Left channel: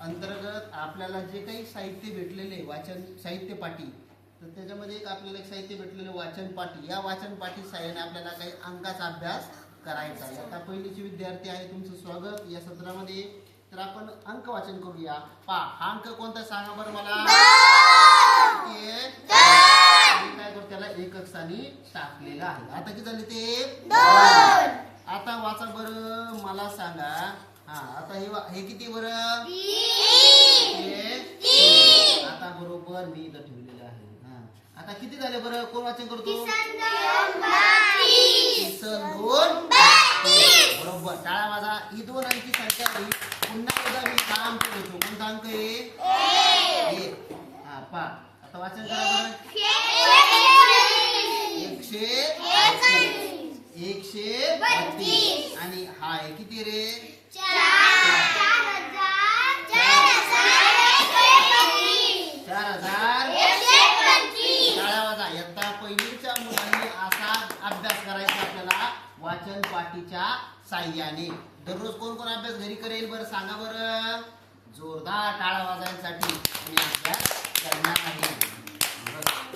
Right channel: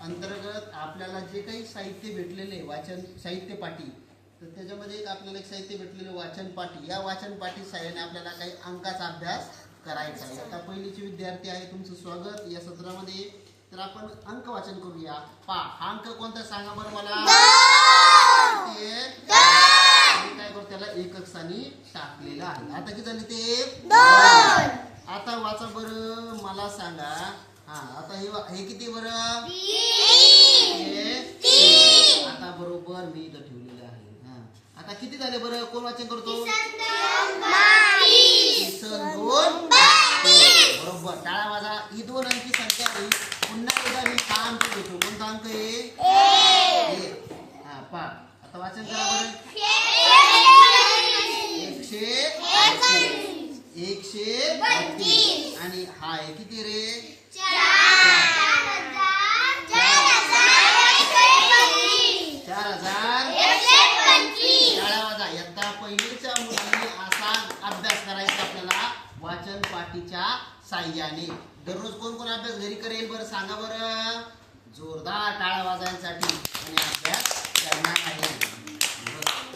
अंतर्गत आपल्याला जे काही साहित्य भेटलेले वाचन साहित्य पाठी तर त्याच्यामध्ये एक आपल्याला एक साहित्य भेटलेले वाचन पाठी. या वाचन पाठी साह्याने आपल्याला काही अंकाचा अभ्यास करायचा आहे. आता पहिलीचे विद्यार्थी आहे तुमचं स्वागत. या सत्रामध्ये तर आपण अंक वाचन करूया. पा हा अंक कोणता सांगा बरं मला. आहे? काय करतो त्याला? एकक स्थानी टाकलेलं आहे. आता किती झाले ते? आता वाचा बरं मला सांगा. हा आता हे हे किती बरं हे तीन. आता बरोबर मी इथं ठेवलेलं आहे. हा. आता किती झाले बरं? कोण वाचन करतो? किसन दोन. बरोबर. टाळा माझा. ही दोन अंकी संख्या होईल पुन्हा एकदा मी हा अंक घेतो. कोणता अंक आहे. हा पा आता वाचन करा बरं. एकशे एकशे आणि हा आहे किती रे? आता पहिलीच्या मुलांनी असा अभ्यास करायचा आपल्याला वाचन पाठीच्या साह्याने. दररोज कोण कोण अभ्यास घरी करेल बरं? सांगा बरं.